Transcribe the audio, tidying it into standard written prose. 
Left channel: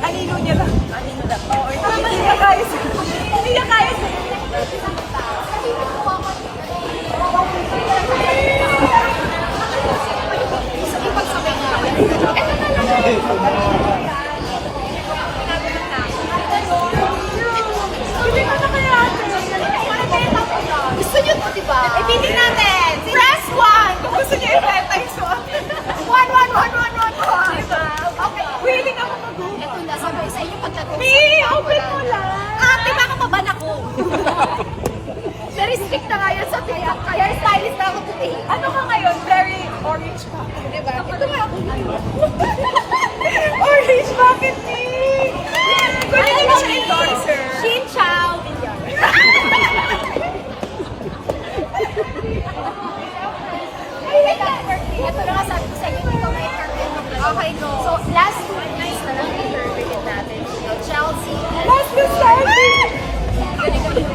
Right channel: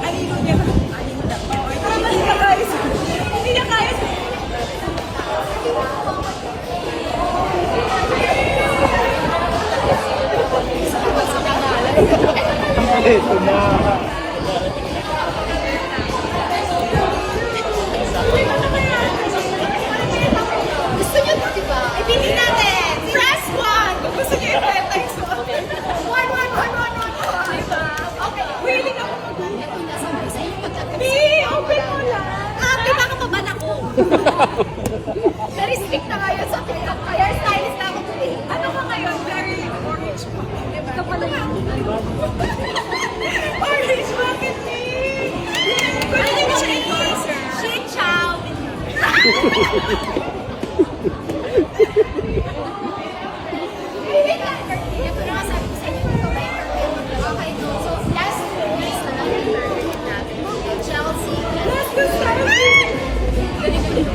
Anino niya lang. Anino lang. Oo, hindi niya kaya. Hindi niya kaya. Gusto niyo to, diba? Ibitin natin! Press 1! Kung gusto niyo i-beta yung suot. 1, 1, 1, 1, 1, 1. Diba? Okay. Willing ako mag-boom. Eto na, sabay sa inyo pagtatanong. B! Open mo lang! Ate, baka maban ako. Na-restrict na nga yan sa TikTok. Kaya stylist na ako today. Ano ka ngayon? Very orange bucket. Diba? Ito nga ako. Orange bucket, B! Pwede niyo ba siya endorser? Shin Chow. Ito na nga sabi ko sa inyo, dito may entertain. Okay, go. So, last 2 years na lang entertain natin. Chelsea. Let's go, Starving! Galing-galing.